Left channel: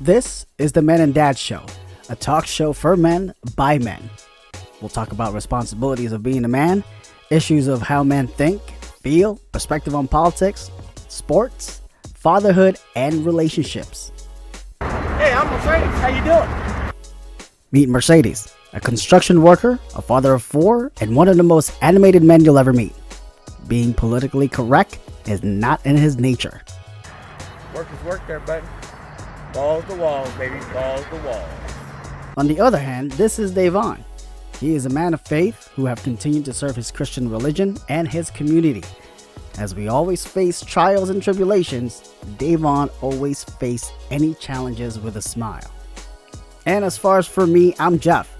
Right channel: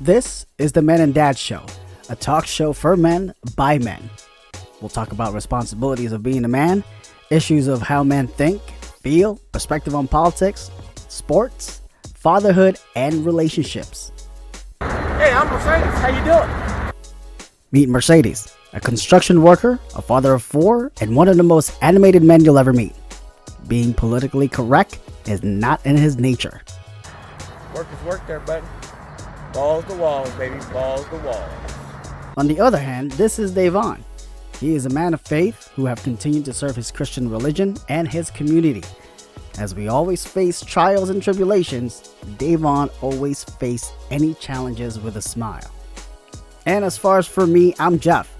This is the Men and Dad Show, a talk show for men by men. We'll talk about responsibilities of being a man, issues of how men think, feel, perspective on politics, sports, fatherhood, and relationships. Hey, I'm Mercedes. How you doing? Meet Mercedes, a construction worker, a father of 4, and one of the most animated men you'll ever meet. Being politically correct is not in his nature. Work is work there, buddy. Balls to walls, baby. Balls to walls. On the other hand, this is Davon. He is a man of faith who have continued to serve his Christian religion and his community. As we always face trials and tribulations, Davon always faced any challenges with a smile. And as far as for me, I'm Jeff.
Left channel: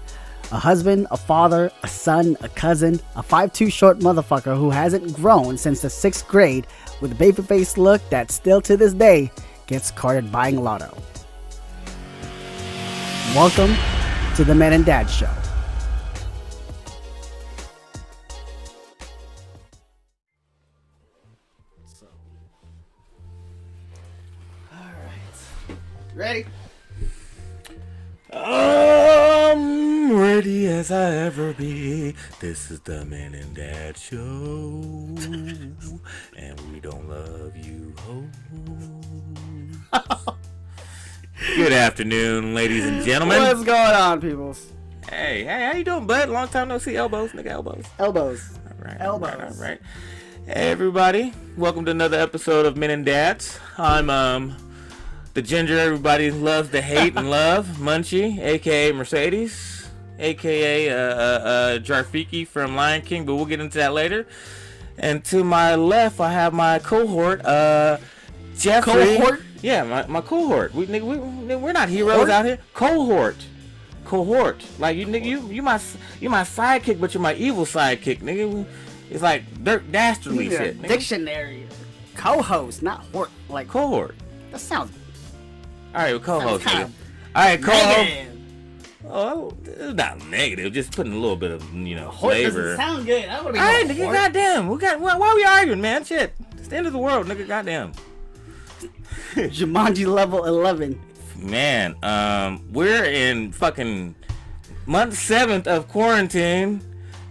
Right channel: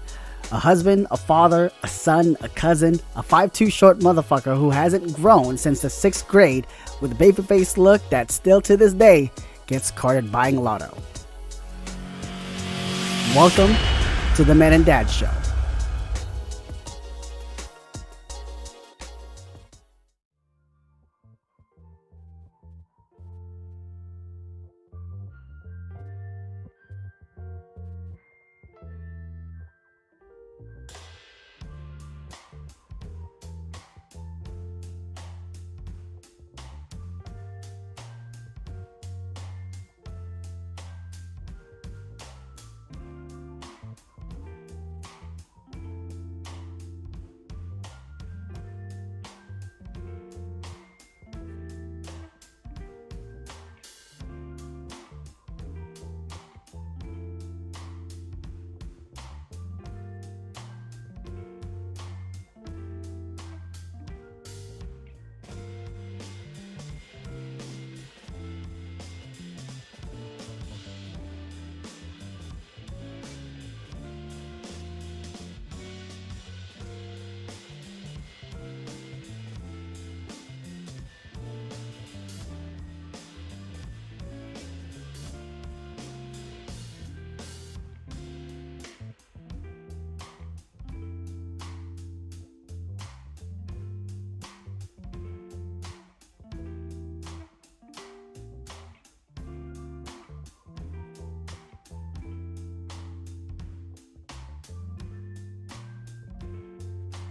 A husband, a father, a son, a cousin, a 5'2" short motherfucker who hasn't grown since the 6th grade with a baby-faced look that still to this day gets carded buying lotto. Welcome to the Men and Dad Show. Ready? I'm ready as I ever be. This is the Men and Dad Show. And we don't love you. Good afternoon, ladies and gentlemen. What's going on, peoples? Hey, how you doing, bud? Long time no see. Elbows, nigga, elbows. Elbows. All right, Elbows. All right. Hey, everybody. Welcome to another episode of Men and Dads. I'm, the ginger everybody loves to hate and love, Munchie, a.k.a. Mercedes, a.k.a. Jarfiki from Lion King, but we'll get into that later. And to my left, I have my cohort, Jeffrey. Cohort? Yeah, my cohort. We're not heroes out here. Cohort. Like, you my sidekick, but you're my evil sidekick, nigga. It's like Dirk Dastardly shit, nigga. Dictionary. Co-host, not hort. Like, Cohort. that sounds... All right, well, co-host. Sounds All right, co-host. negative. Oh, it's not negative. Just putting a little bit of Hort flavor. doesn't sound good. I would be All right, going nigga. hort. Goddamn. Why are we arguing, man? Shit. It's the end of the world, nigga. Goddamn. Jumanji level 11. Man, we're in fucking month 7th of quarantine.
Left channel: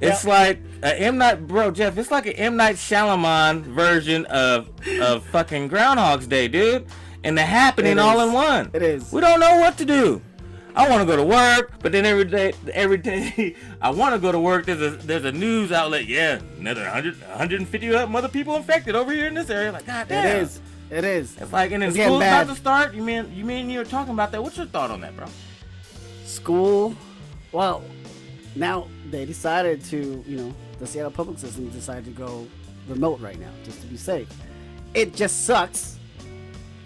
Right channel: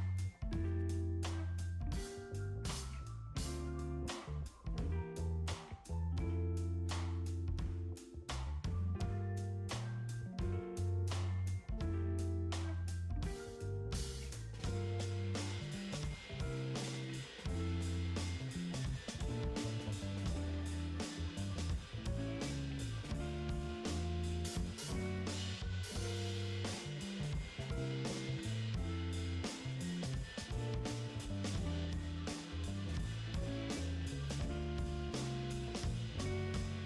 It's like Jeff. It's like an M. Night Shyamalan version of fucking Groundhog's Day, dude. And the happening all in one. It is. We don't know what to do. I want to go to work, but then every day I want to go to work. There's a news outlet. Yeah, another 150 other people infected over here in this area. Like, goddamn. It is. It's like, and then It's getting school's bad. about to start. You mean you were talking about that? What's your thought on that, bro? School. Well, now they decided to, the Seattle public system decided to go remote right now, just to be safe. It just sucks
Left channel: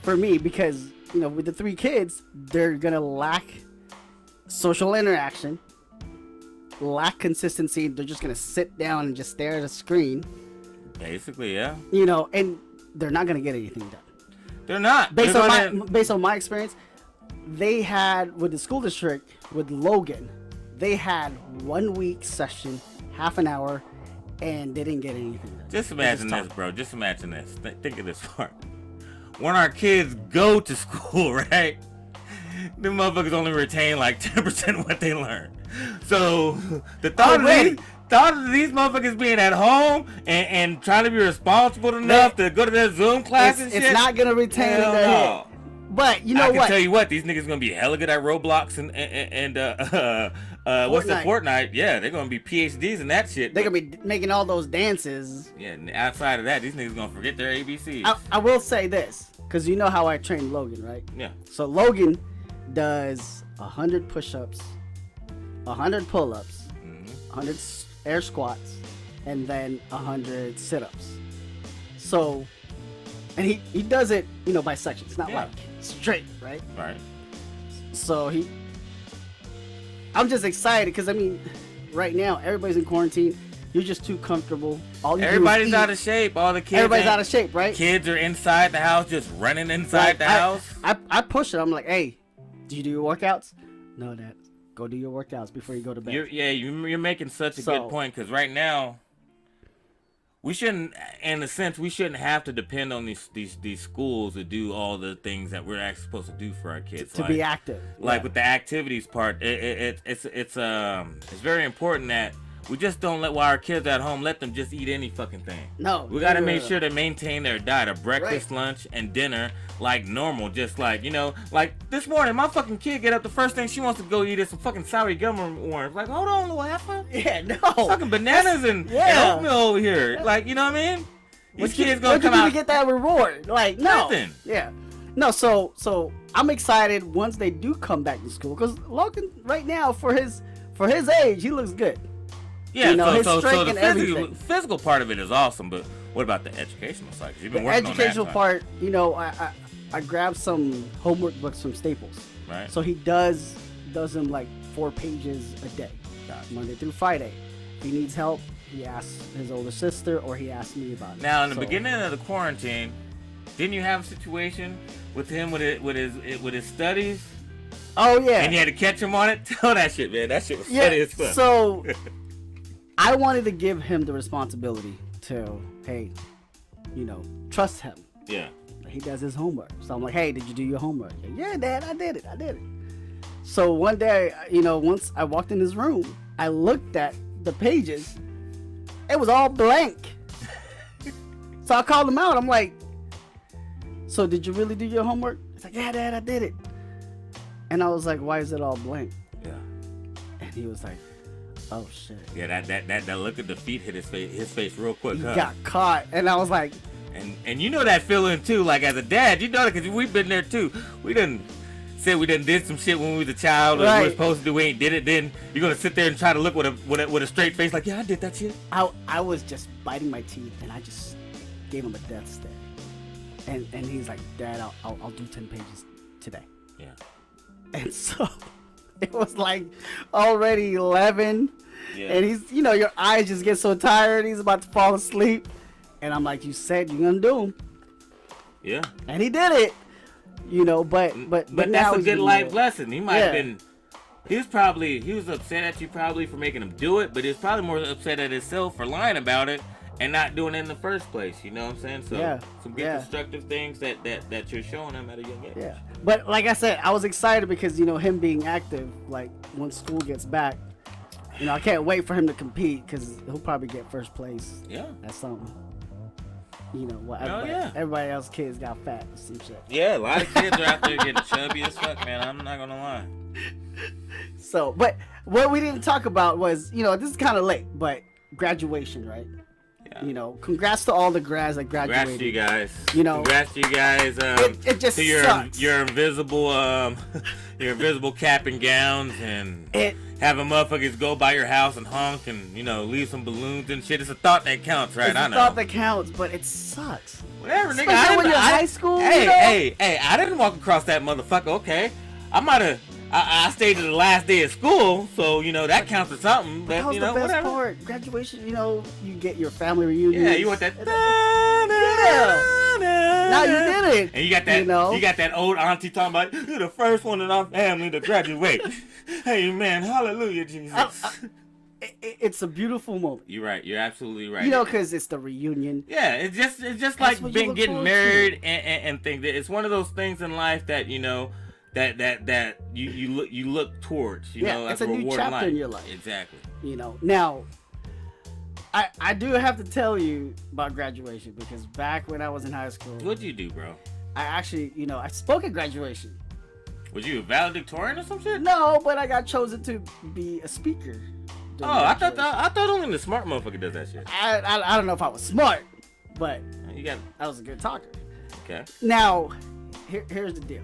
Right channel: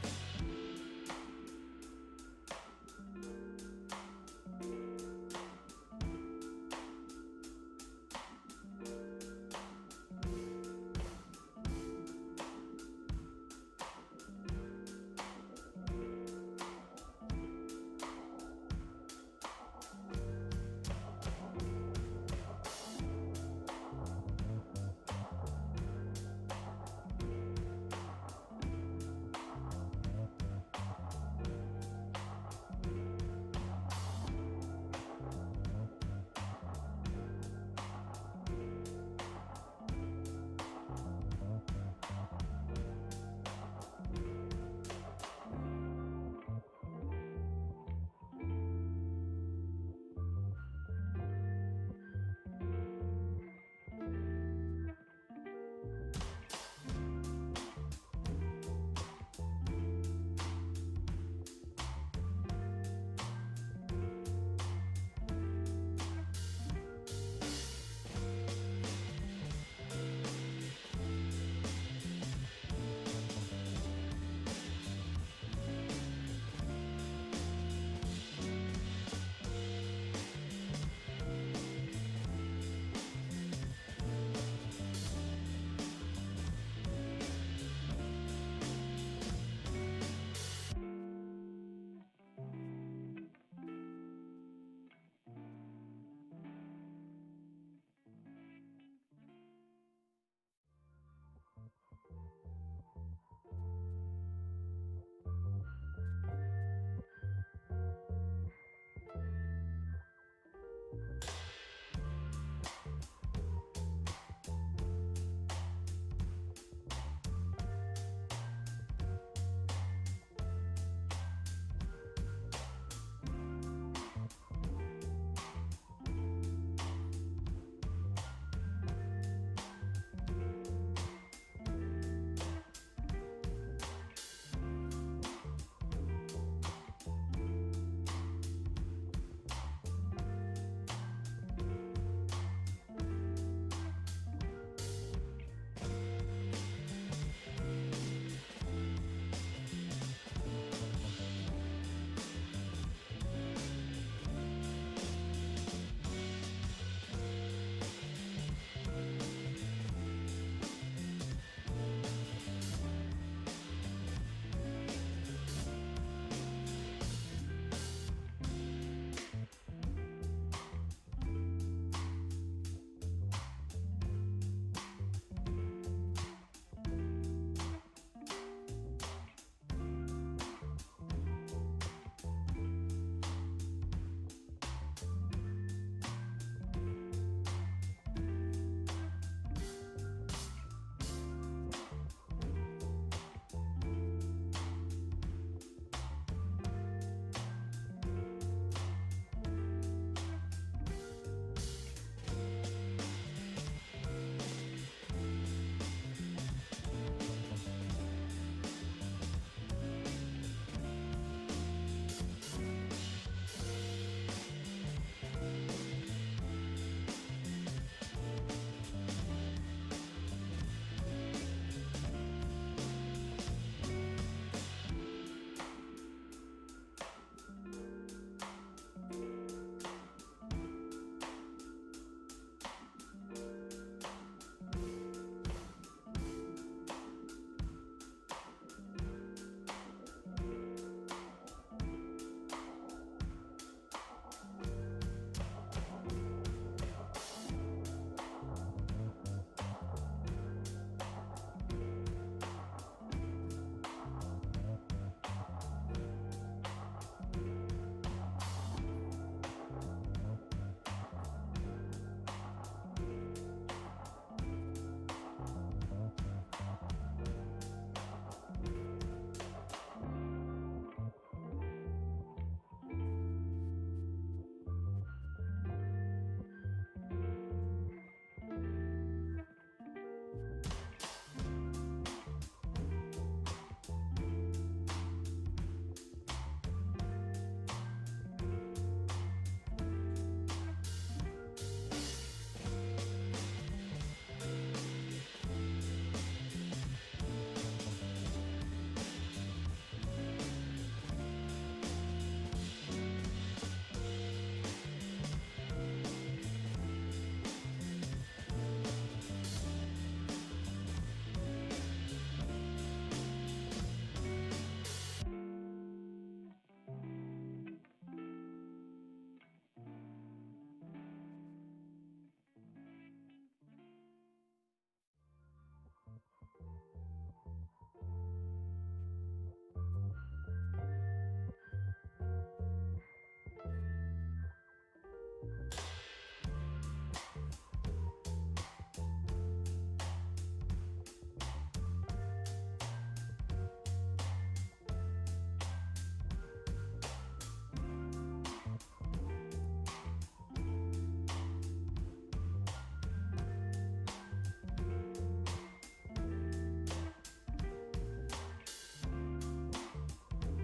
for me because, with the 3 kids, they're going to lack social interaction, lack consistency. They're just going to sit down and just stare at a screen. Basically, yeah. And they're not going to get anything done. They're not. Based on my experience, they had, with the school district, with Logan, they had 1 week session, half an hour, and they didn't get anything. Just imagine this, bro. Just imagine this. Think of this part. When our kids go to school, right? Them motherfuckers only retain like 10% of what they learn. So the thought of these motherfuckers being at home and trying to be responsible enough to go to their Zoom classes and shit. It's not gonna retain Hell in their no. head. But you know I what? can tell you what, these niggas gonna be hella good at Roblox and what's the Fortnite? Yeah, they're gonna be PhDs in that shit. They're gonna be making all those dances. Yeah, and outside of that, these niggas gonna forget their ABCs. I will say this, because you know how I train Logan, right? Yeah. So Logan does 100 push-ups, 100 pull-ups, 100 air squats, and then 100 sit-ups. So, and he does it, by sections, not like straight, right? Right. So I'm just excited because right now everybody's in quarantine. You're just too comfortable. Everybody's out of shape. All the kids. Everybody's out of shape, right? Kids are inside the house, just running inside the house. I push it. I'm like, hey, do you do your workouts? No, Dad. Go do your workouts before you go to bed. You're making such a good point because right now we shouldn't, in a sense, we shouldn't have to depend on these schools to do all the things that we're actually supposed to do for our kids. To be active. Like with the activities part, it's very important that we just don't while our kids are at home, let them just eat any fucking thing. No. We gotta make sure to maintain their diet of breakfast, lunch, and dinner like normal. Just like, like this morning, my fucking kid get up, the first thing she wants to go eat is some fucking sour gum worms. Like, hold on, little heifer. Yeah, no. Fucking bananas and oatmeal over here. Like, you know what I mean? These kids gonna come out. To get that reward? Like, no. Nothing. Yeah. No, so I'm excited once they do come back to school, because Logan right now, for his age, he looks good. Yeah, so the physical part of it is awesome, but what about the educational side? You've been working on that educational part, I grabbed some homework books from Staples. Right. So he does them like 4 pages a day, Monday through Friday. If he needs help, he asks his older sister, or he asks me about it. Now, in the beginning of the quarantine, didn't you have a situation with him with his studies? Oh yeah. And you had to catch him on it. Tell that shit, man. That shit was funny as fuck. So I wanted to give him the responsibility to, hey, trust him. Yeah. He does his homework. So I'm like, hey, did you do your homework? Like, yeah, Dad, I did it. So one day, once I walked in his room, I looked at the pages. It was all blank. So I called him out. I'm like, so did you really do your homework? He's like, yeah, Dad, I did it. And I was like, why is it all blank? Yeah. And he was like, oh shit. Yeah, that look at the feet hit his face real quick. He got caught, and I was like, and you know that feeling too. Like as a dad, you know that because we've been there too. We done did some shit when we was a child, or we were supposed to do. We ain't did it. Then you're gonna sit there and try to look with a straight face, like, yeah, I did that shit. I was just biting my teeth, and I just gave him a death stare. And he's like, Dad, I'll do 10 pages today. Yeah. And so it was like already 11. Yeah. And he's, your eyes just get so tired. He's about to fall asleep. And I'm like, you said you're gonna do him. Yeah. And he did it. But now that's a good life lesson. He might have been. He was upset at you probably for making him do it, but he was probably more upset at himself for lying about it and not doing it in the first place. You know what I'm saying? So some good constructive things that you're showing him at a young age. Yeah. But like I said, I was excited because him being active. Like when school gets back, I can't wait for him to compete because he'll probably get first place. Yeah. That's something. Everybody else's kids got fat and shit. Yeah, a lot of kids are out there getting chubby as fuck, man. I'm not gonna lie. So, but what we didn't talk about was, this is kind of late, but graduation, right? Yeah. Congrats to all the grads that graduated. Congrats to you guys. Congrats to you guys. It just to sucks. Your invisible, your invisible cap and gowns, and having motherfuckers go by your house and honk and leave some balloons and shit. It's a thought that counts, right? It's I know. A thought that counts, but it sucks. Whatever, nigga. Especially when you're in high school. Hey, I didn't walk across that motherfucker. Okay, I stayed to the last day of school, so that counts as something. But, that was the best whatever. part. Graduation, you get your family reunion. Yeah, you want that. Now you did it. And you got that. You got that old auntie talking about you're the first one in our family to graduate. Hey man, hallelujah, Jesus. It's a beautiful moment. You're right. You're absolutely right. Because it's the reunion. Yeah, it's just like getting married and things. It's one of those things in life that that you look towards. It's a new chapter in your life. Exactly. Now, I do have to tell you about graduation because back when I was in high school, what'd you do, bro? I actually, I spoke at graduation. Was you a valedictorian or some shit? No, but I got chosen to be a speaker. Oh, I thought only the smart motherfucker does that shit. I don't know if I was smart, but I was a good talker. Okay. Now, here's the deal.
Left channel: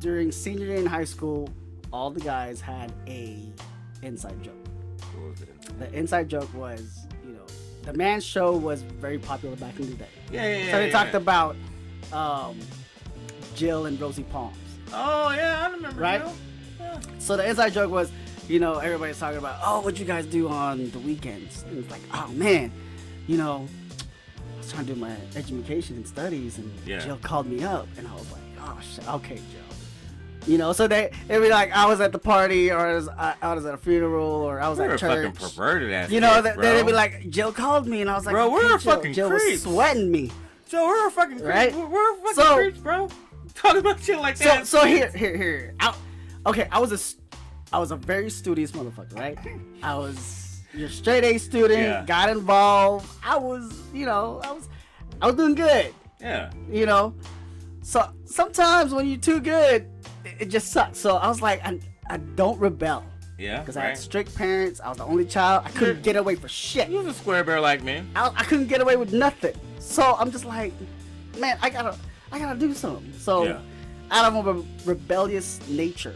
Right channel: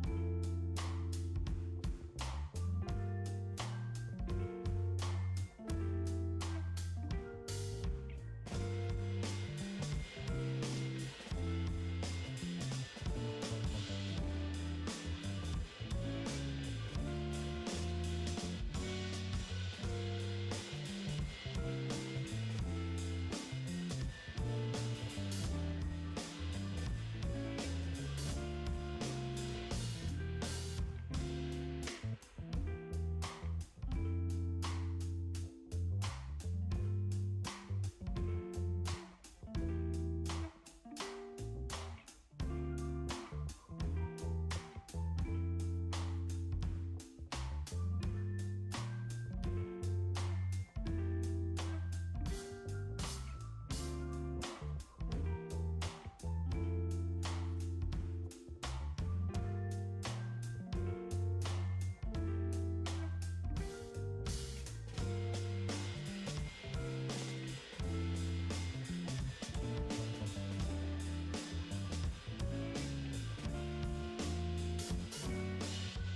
During senior year in high school, all the guys had a inside joke. The inside joke was, the man show was very popular back in the day. Yeah. So they talked about Jill and Rosie Palms. Oh yeah, I remember. Right. Yeah. So the inside joke was, everybody's talking about, oh, what you guys do on the weekends? And it's like, oh man, I was trying to do my education and studies, and Jill called me up, and I was like, oh shit, okay, Jill. You know, so they'd be like, I was at the party, or I was at a funeral, or I was at church. Fucking perverted ass. You know, kids, they'd be like, Jill called me, and I was like, bro, we're fucking Jill creeps. was sweating me. So we're fucking right. Creeps. We're fucking creeps, bro. Talking about shit like that. So here. Okay, I was a very studious motherfucker, right? I was your straight A student, got involved. I was doing good. Yeah. You know, so sometimes when you're too good, it just sucks. So I was like, I don't rebel. Yeah. Because I had strict parents. I was the only child. I couldn't get away for shit. You was a square bear like me. I couldn't get away with nothing. So I'm just like, man, I gotta do something. So out of a rebellious nature,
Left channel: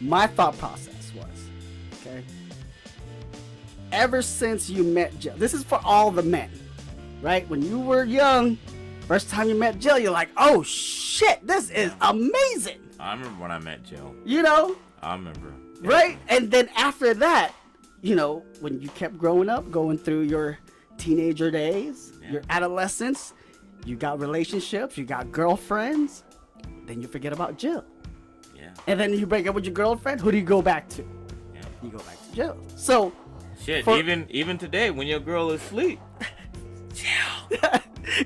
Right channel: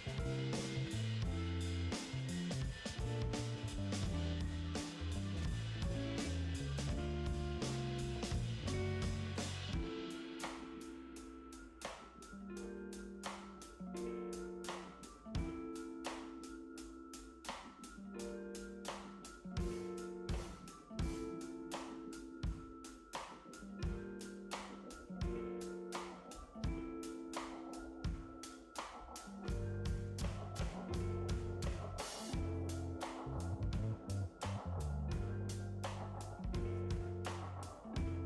my thought process was, okay, ever since you met Jill, this is for all the men, right? When you were young, first time you met Jill, you're like, oh shit, this is amazing. I remember when I met Jill. You know? I remember. Right? And then after that, you know, when you kept growing up, going through your teenager days, your adolescence, you got relationships, you got girlfriends, then you forget about Jill. Yeah. And then you break up with your girlfriend, who do you go back to? Yeah. You go back to Jill. So shit, even today when your girl is asleep, Jill.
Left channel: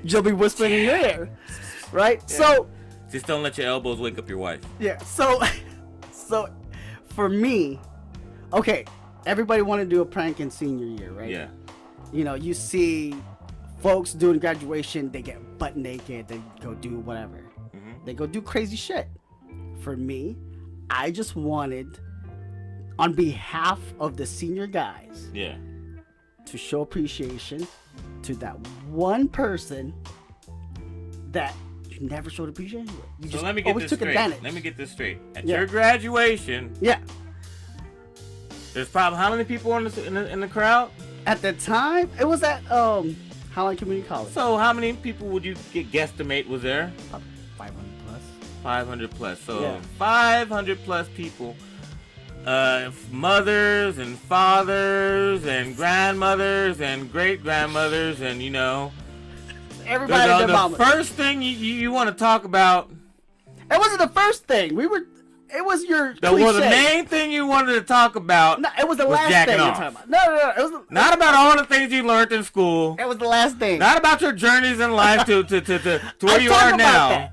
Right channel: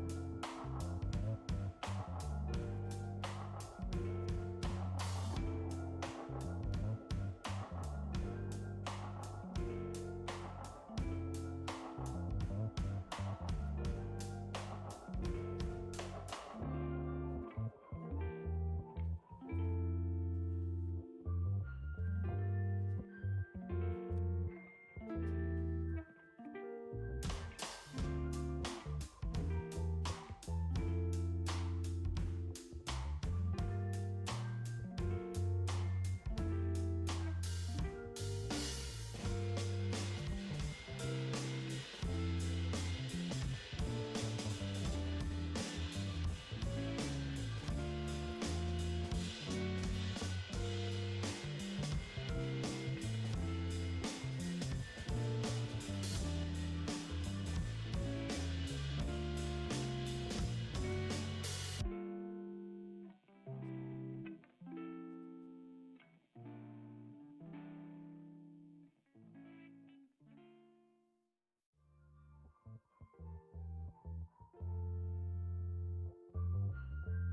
Jill be whispering in your ear. Right? Yeah. So just don't let your elbows wake up your wife. Yeah. So for me, okay, everybody want to do a prank in senior year, right? Yeah. You know, you see folks doing graduation, they get butt naked, they go do whatever. Mm-hmm. They go do crazy shit. For me, I just wanted, on behalf of the senior guys, to show appreciation to that one person that you never showed appreciation. You just let me get this straight. Advantage. Let me get this straight. At your graduation, there's probably how many people in the crowd? At the time, it was at Highland Community College. So how many people would you guesstimate was there? 500 plus. 500 plus. So 500 plus people. Mothers and fathers and grandmothers and great grandmothers and you know. Everybody. The first thing you want to talk about. It wasn't the first thing. It was your the main thing you wanted to talk about. No, it was the last thing you're talking about. No. It was not about all the things you learned in school. It was the last thing. Not about your journeys in life to where you are now. That.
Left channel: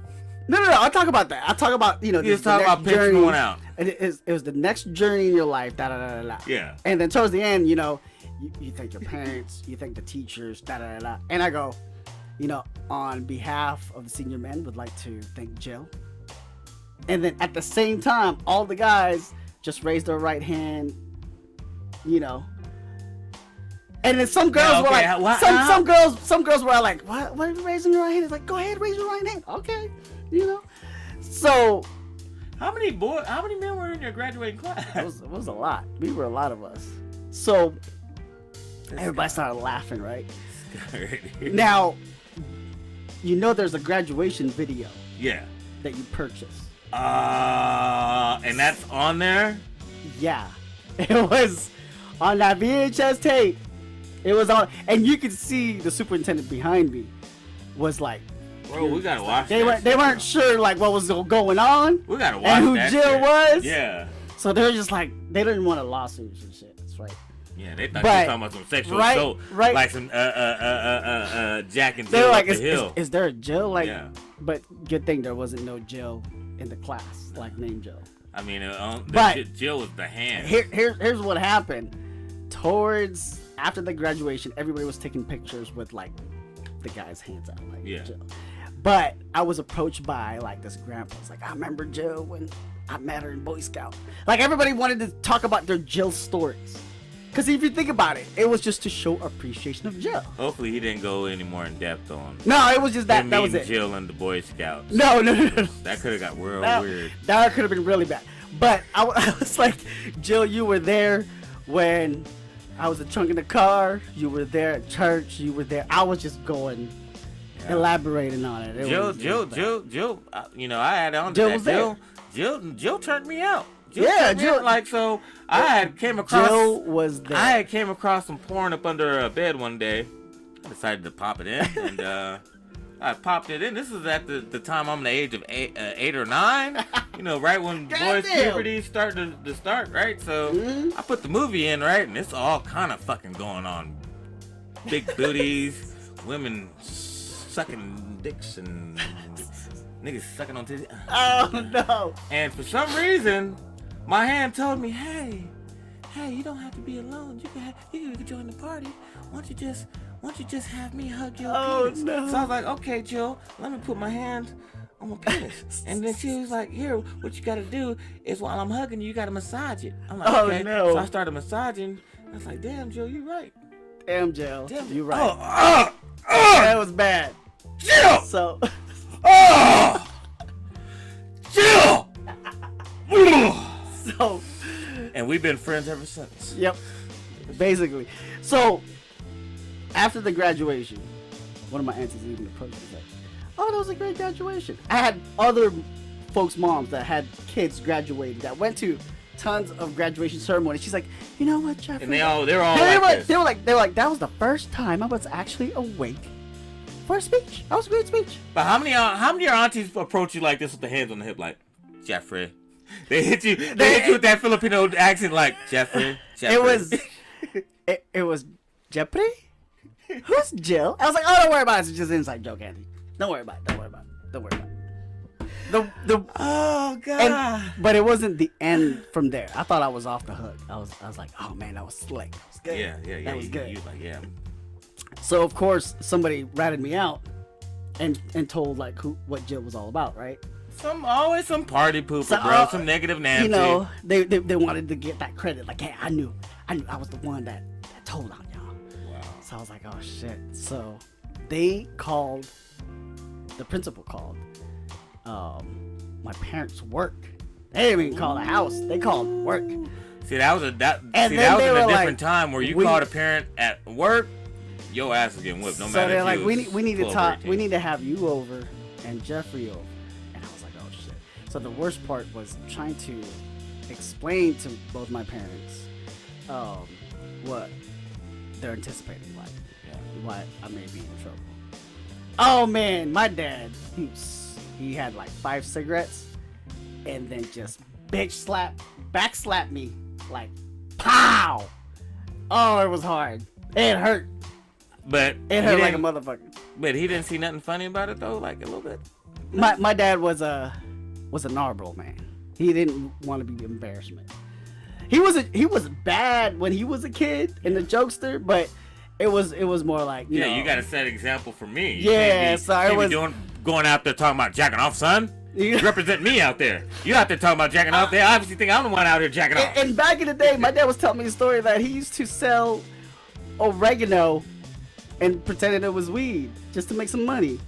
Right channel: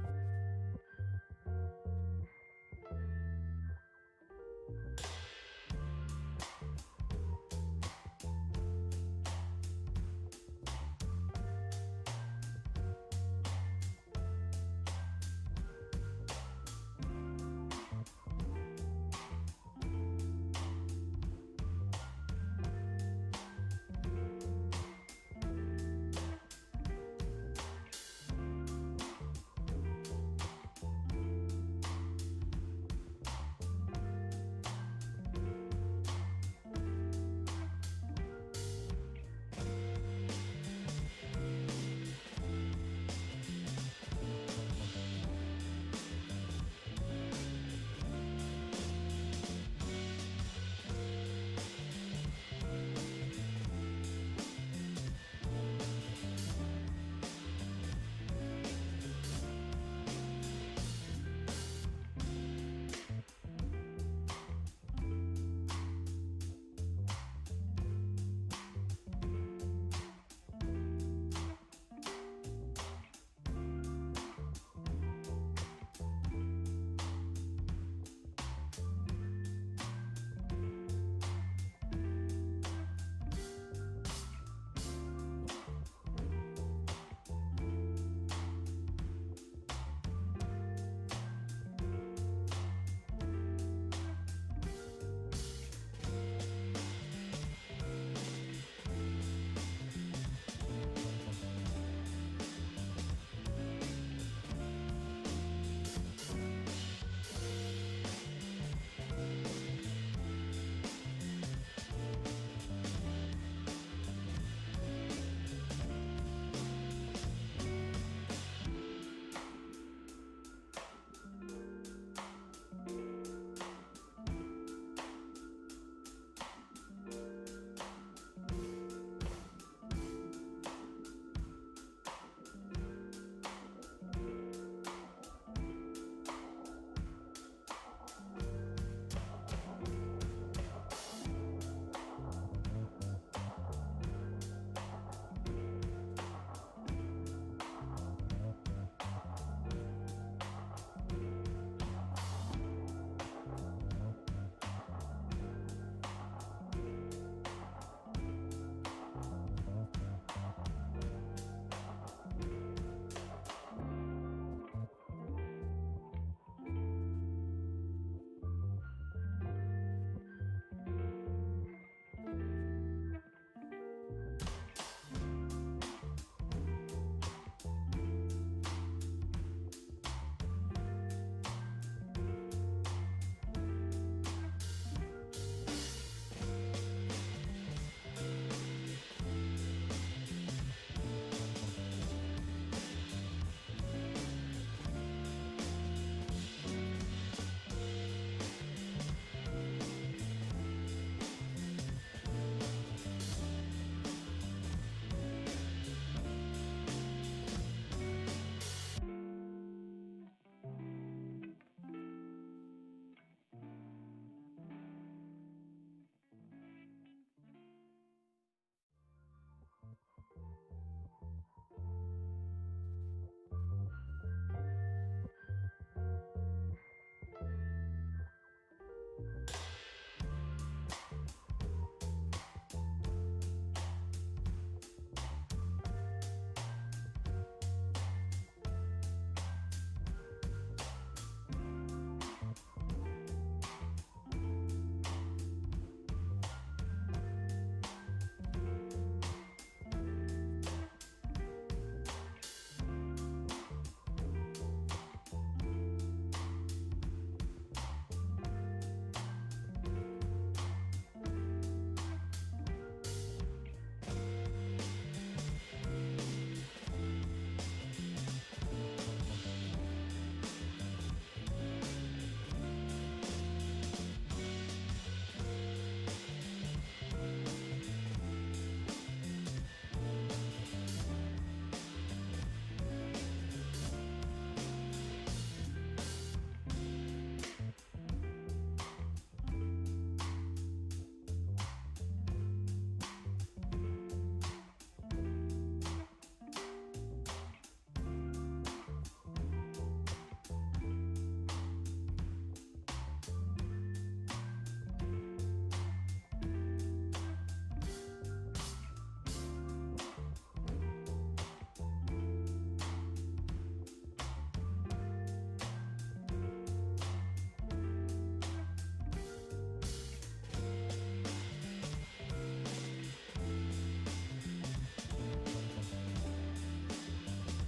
No. I'll talk about that. I'll talk about, you know, you just talk about pictures going out. It was the next journey in your life. Yeah. And then towards the end, you know, you thank your parents, you thank the teachers. And I go, you know, on behalf of the senior men, would like to thank Jill. And then at the same time, all the guys just raised their right hand, you know. And then some girls were like, some girls were like, what are you raising your right hand? It's like, go ahead, raise your right hand. Okay, you know. So, how many men were in your graduating class? It was a lot. We were a lot of us. So everybody started laughing, right? Now, you know, there's a graduation video. Yeah. That you purchased. And that's on there? Yeah. It was on that VHS tape. It was on, and you could see the superintendent behind me was like, bro, we gotta watch they weren't sure like what was going on. We gotta watch and who that Jill shit. was. Yeah. So they were just like, they didn't want a lawsuit and shit. That's right. Yeah, they thought you were talking about some sexual assault. Right. Like some Jack and Jill. They were like, the hill. Is there a Jill? Like, but good thing there wasn't no Jill in the class, like named Jill. I mean, Jill was the hand. Here's what happened. Towards after the graduation, everybody was taking pictures with like the guy's hands out, like Jill. But I was approached by like this grandpa. It's like, I remember Jill when I met her in Boy Scout. Like everybody wanted to talk about their Jill stories. Because if you think about it, it was just to show appreciation of Jill. Hopefully he didn't go any more in depth on. No, it was just that was it. Jill and the Boy Scouts. No. That could have got weird. That could have been really bad. But I was like, Jill, you were there when I was a trunk in the car. You were there at church. You were there. I was just going, elaborating on it. Jill. You know, I had on that. Jill turned me out. Jill. Like so. I had came across. Jill was there. I had came across some porn up under a bed one day. Decided to pop it in, and I popped it in. This is at the time I'm the age of 8 or 9. You know, right when boys' puberty start to start, right? So I put the movie in, right, and it's all kind of fucking going on. Big booties, women sucking dicks, and niggas sucking on titties. Oh no! And for some reason, my hand told me, hey, you don't have to be alone. You can join the party. Why don't you just have me hug your penis? No. So I was like, okay, Jill, let me put my hand on my penis. And then she was like, here, what you gotta do is while I'm hugging you, you gotta massage it. I'm like, okay. No. So I started massaging. I was like, damn, Jill, you're right. Damn, Jill, you're right. That was bad. Jill! So. Jill! So. And we've been friends ever since. Yep. Basically. So, after the graduation, one of my aunts is leaving the program. Oh, that was a great graduation. I had other folks' moms that had kids graduated that went to tons of graduation ceremonies. She's like, you know what, Jeffrey? And they're all they were like, that was the first time I was actually awake for a speech. That was a great speech. But how many of your aunties approach you like this with the hands on the hip, like, Jeffrey? They hit you with that Filipino accent, like, Jeffrey. It was Jeffrey? Who's Jill? I was like, oh, don't worry about it. It's just an inside joke, Andy. Don't worry about it. Oh god! But it wasn't the end from there. I thought I was off the hook. I was like, oh man, that was slick. That was good. Yeah. That was good. You like, yeah. So of course somebody ratted me out and told like what Jill was all about, right? Always some party pooper, bro. Some negative Nancy. You know, they wanted to get that credit. Like, hey, I knew I was the one that told on y'all. Wow. So I was like, oh shit. So they called. The principal called my parents' work. They didn't even call the house. They called work. See, that was a different time where you called a parent at work, your ass was getting whipped. No matter. So they're like, we need to talk. We need to have you over and Jeffrey over. And I was like, oh shit. So the worst part was trying to explain to both my parents what they're anticipating, what I may be in trouble. Oh man, my dad, he had like 5 cigarettes and then just back slap me like pow. Oh, it was hard. It hurt. But it hurt like a motherfucker. But he didn't see nothing funny about it though, like a little bit. My dad was a Narborough man. He didn't want to be embarrassment. He was bad when he was a kid and a jokester, but it was more like you know, you gotta set an example for me. Yeah, so I was going out there talking about jacking off, son. You represent me out there. You out there talking about jacking off. They obviously think I'm the one out here jacking off. And back in the day, my dad was telling me a story that he used to sell oregano and pretended it was weed just to make some money.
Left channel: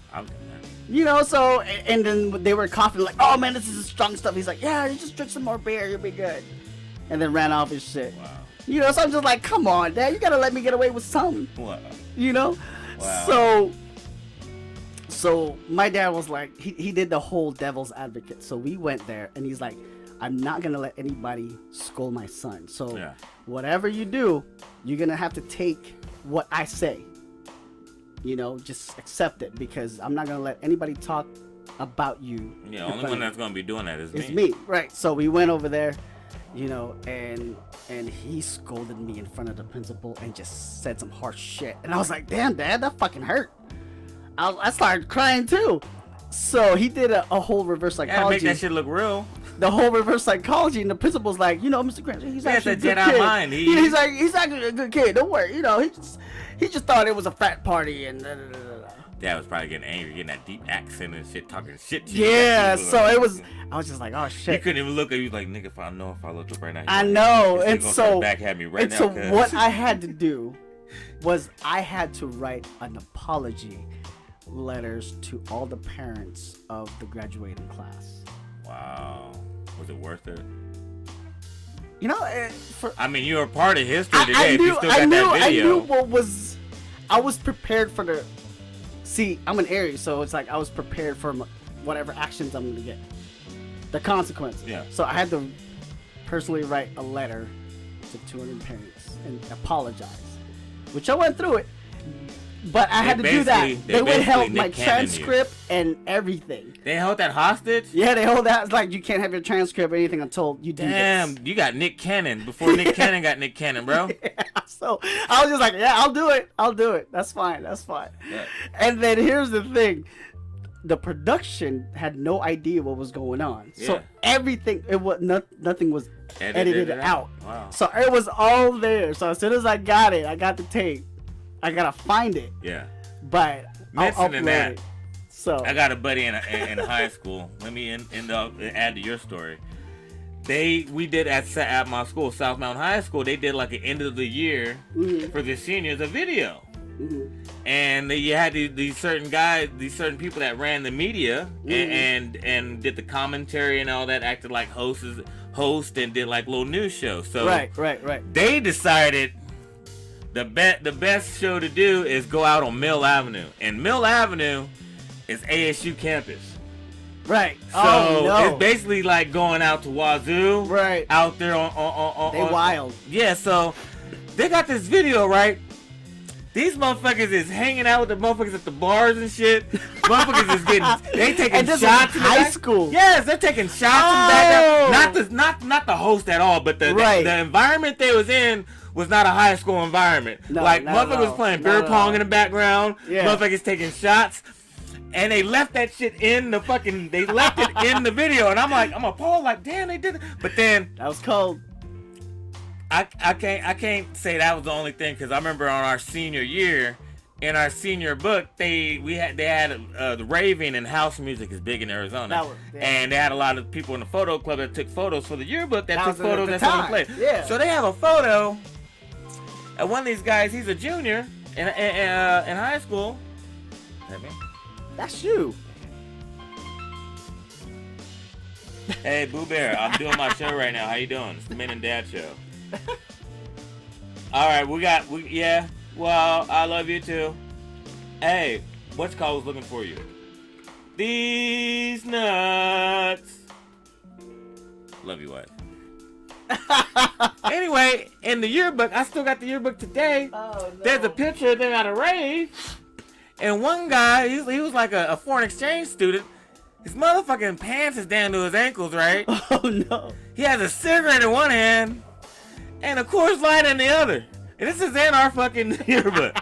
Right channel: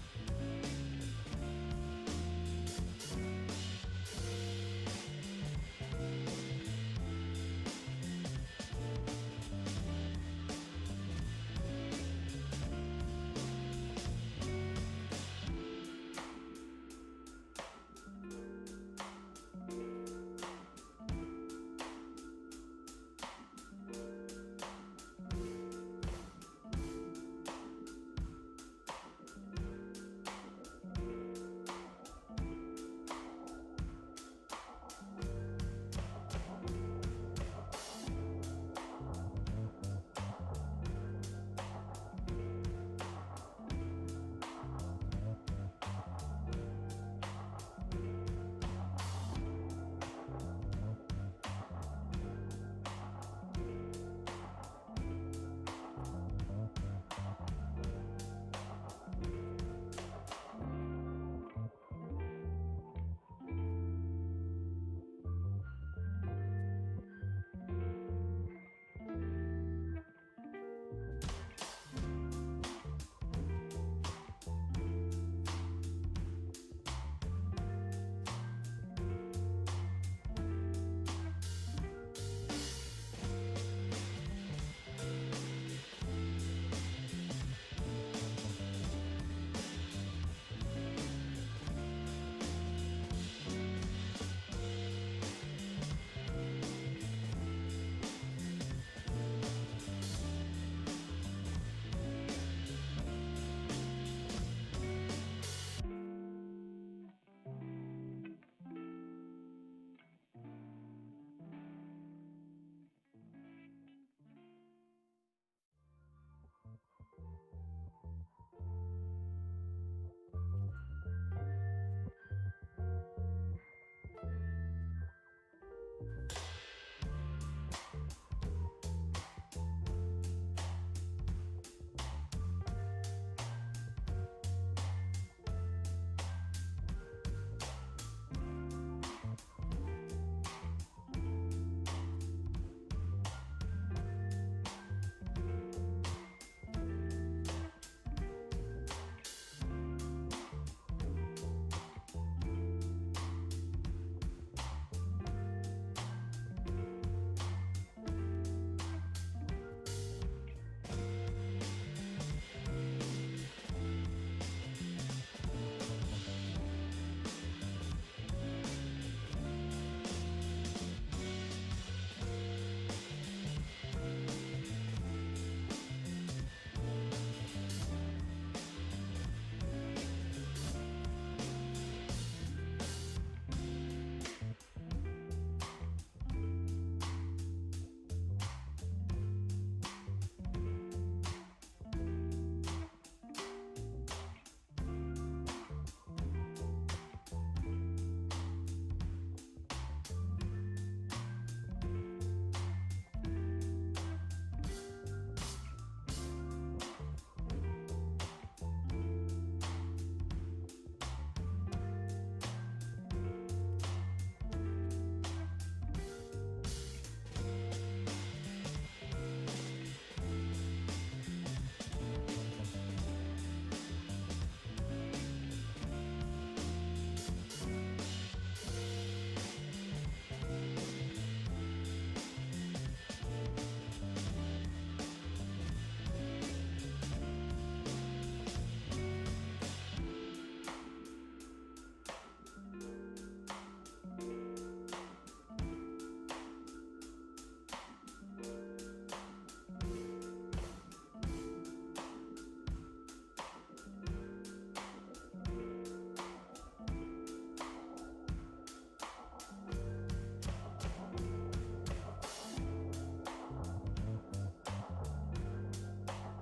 You know, so and then they were coughing like, oh man, this is strong stuff. He's like, yeah, you just drink some more beer, you'll be good. And then ran off his shit. Wow. You know, so I'm just like, come on, Dad, you gotta let me get away with something. Wow. You know? Wow. So my dad was like, he did the whole devil's advocate. So we went there and he's like, I'm not gonna let anybody scold my son. So whatever you do, you're gonna have to take what I say. You know, just accept it because I'm not gonna let anybody talk about you. Yeah, only one that's gonna be doing that is me. It's me, right? So we went over there, you know, and he scolded me in front of the principal and just said some harsh shit. And I was like, damn, Dad, that fucking hurt. I started crying too. So he did a whole reverse psychology. Yeah, make that shit look real. The whole reverse psychology, and the principal's like, you know, Mr. Granger, he's actually a good Jedi kid. Mind. He's actually a good kid. Don't worry, you know, he just thought it was a frat party and. Dad was probably getting angry, getting that deep accent and shit, talking shit to you. Yeah, so it was. I was just like, oh shit. He couldn't even look at you like, nigga. If I look up right now. I know, and so now, what I had to do was I had to write an apology letters to all the parents of the graduating class. Wow, was it worth it? You know, I mean, you were part of history today. I knew what was. I was prepared for the. See, I'm an Aries, so it's like I was prepared for whatever actions I'm going to get. The consequence. Yeah. So I had to personally write a letter to 200 parents and apologize. Which I went through it. But I had to do that. They would help my Nick Cannon transcript and everything. They held that hostage? Yeah, they hold that. It's like you can't have your transcript or anything until you do this. Damn, you got Nick Cannon before Nick Cannon got Nick Cannon, bro. Yeah, so I was just like, yeah, I'll do it. That's fine. Yeah. And then here's the thing. The production had no idea what was going on. Yeah. So everything, nothing was edited out. Wow. So it was all there. So as soon as I got the tape. I gotta find it. Yeah. But I'll upload that, it. So I got a buddy in high school. Let me add to your story. We did at my school, South Mountain High School. They did like an end of the year for the seniors a video, and you had these certain guys, these certain people that ran the media and did the commentary and all that, acted like host and did like little news shows. So right. They decided the best show to do is go out on Mill Avenue, and Mill Avenue is ASU campus. Right. So it's basically like going out to Wazoo. Right. Out there on they wild. Yeah, so they got this video, right? These motherfuckers is hanging out with the motherfuckers at the bars and shit. Motherfuckers is they taking shots in high school. Yes, they're taking shots in the back. Not the host at all, but the environment they was in was not a high school environment. No, like motherfuckers was playing beer pong in the background. Yeah. Motherfuckers taking shots. And they left that shit in the they left it in the video. And I'm appalled, like, damn, they did it. But then that was cold. I can't say that was the only thing, because I remember on our senior year, in our senior book, they had the raving and house music is big in Arizona. And they had a lot of people in the photo club that took photos for the yearbook that took photos at some place. Yeah. So they have a photo of one of these guys. He's a junior in high school. That's you. Hey, Boo Bear, I'm doing my show right now. How you doing? It's the Men and Dad show. All right, well, I love you too. Hey, what's called was looking for you? These nuts. Love you, wife. Anyway, in the yearbook, I still got the yearbook today. Oh, no. There's a picture of them at a rave. And one guy, he was like a foreign exchange student. His motherfucking pants is down to his ankles, right? Oh, no. He has a cigarette in one hand and a Coors Light in the other. And this is in our fucking yearbook.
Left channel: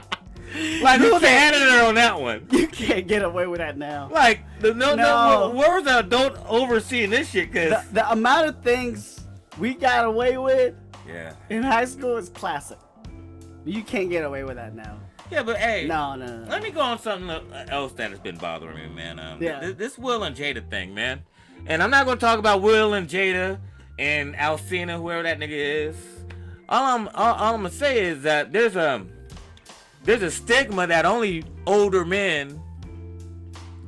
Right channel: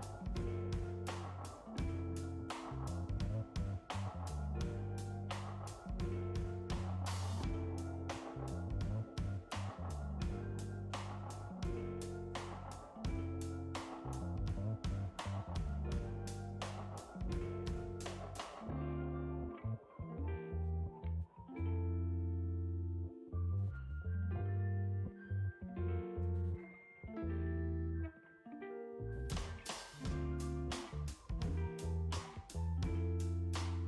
Like, who's the editor on that one? You can't get away with that now. Like, where was the adult overseeing this shit? Cause the amount of things we got away with in high school is classic. You can't get away with that now. Yeah, but hey, no. Let me go on something else that has been bothering me, man. This Will and Jada thing, man. And I'm not gonna talk about Will and Jada and Alcina, whoever that nigga is. All I'm gonna say is that there's a stigma that only older men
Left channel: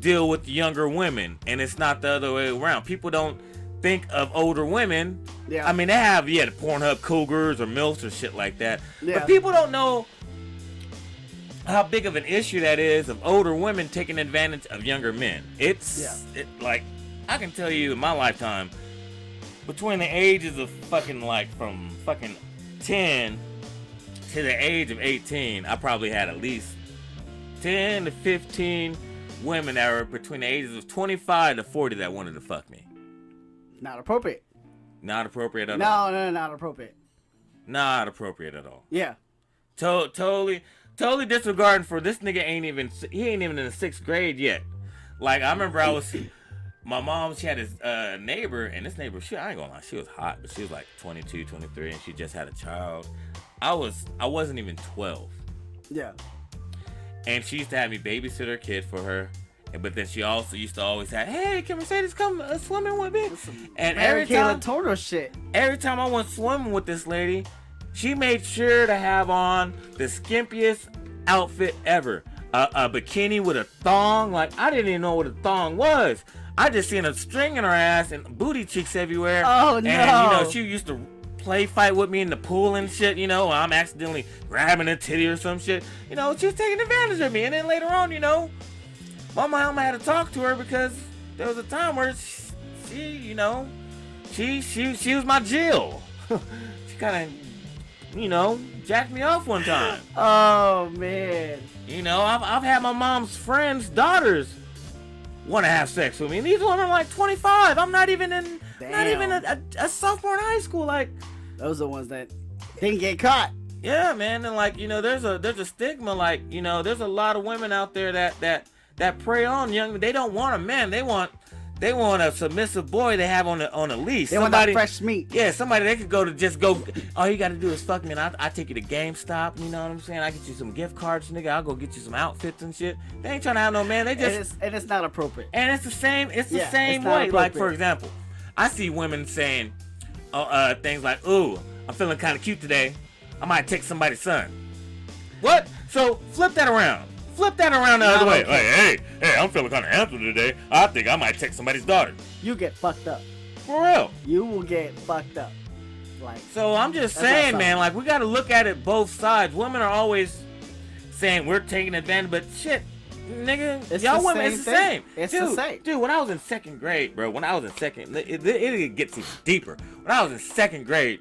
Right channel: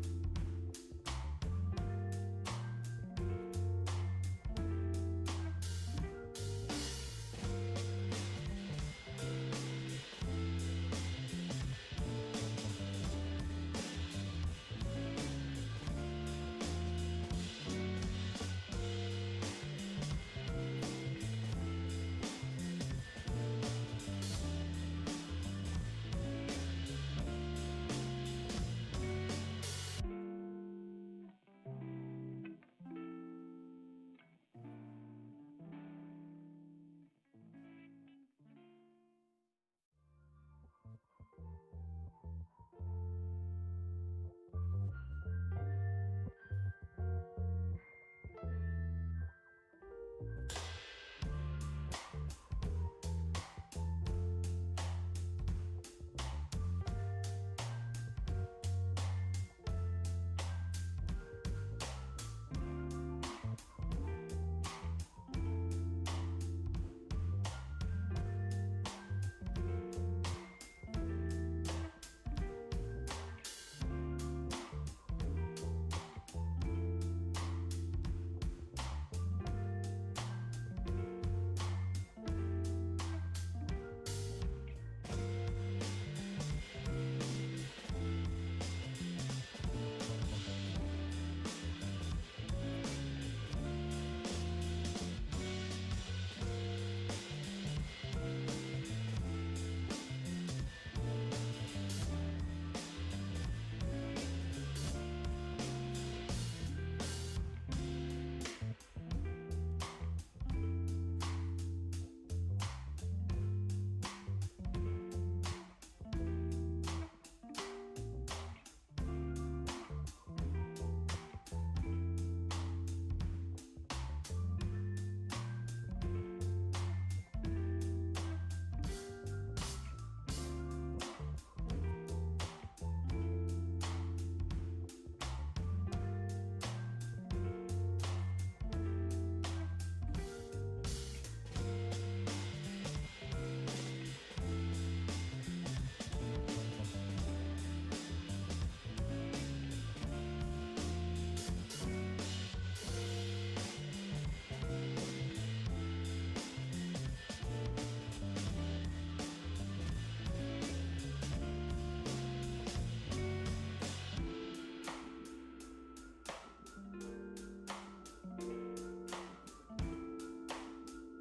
deal with younger women, and it's not the other way around. People don't think of older women. Yeah. I mean, they have the Pornhub cougars or MILFs or shit like that. Yeah. But people don't know how big of an issue that is of older women taking advantage of younger men. Like, I can tell you in my lifetime, between the ages of from 10 to the age of 18, I probably had at least 10 to 15 women that were between the ages of 25 to 40 that wanted to fuck me. Not appropriate. Not appropriate at all. No, not appropriate. Not appropriate at all. Yeah. Totally disregarding for this nigga ain't even in the 6th grade yet. Like, I remember my mom, she had this neighbor, and this neighbor, I ain't gonna lie, she was hot, but she was like 22, 23, and she just had a child. I wasn't even 12. Yeah. And she used to have me babysit her kid for her. But then she also used to always have, hey, can Mercedes come swimming with me? And every time I went swimming with this lady, she made sure to have on the skimpiest outfit ever. A bikini with a thong. Like, I didn't even know what a thong was. I just seen a string in her ass and booty cheeks everywhere. Oh, no. And, she used to play fight with me in the pool and shit, I'm accidentally grabbing a titty or some shit. She was taking advantage of me. And then later on, my mama had to talk to her because there was a time where she was my Jill. She kind of jacked me off one time. Oh man. I've had my mom's friends' daughters want to have sex with me. And these women are like 25. I'm not even a sophomore in high school. Like, those are the ones that didn't get caught. Yeah, man. And like, there's a stigma. Like, there's a lot of women out there that prey on young. They don't want a man. They want a submissive boy they have on a leash. They want that fresh meat. Yeah, somebody they could go. All you got to do is fuck me, and I take you to GameStop. You know what I'm saying? I get you some gift cards, nigga. I'll go get you some outfits and shit. They ain't trying to have no man. They just and it's not appropriate. And it's the same. It's the same way. Like, for example, I see women saying things like, "Ooh, I'm feeling kind of cute today. I might take somebody's son." What? So flip that around. Flip that around the other way. Like, hey, I'm feeling kind of handsome today. I think I might take somebody's daughter. You get fucked up. For real. You will get fucked up. Like, so I'm just saying, man, like, we got to look at it both sides. Women are always saying we're taking advantage, but shit, nigga, y'all women, it's the same. It's the same. Dude, when I was in second grade, bro, it gets even deeper. When I was in second grade,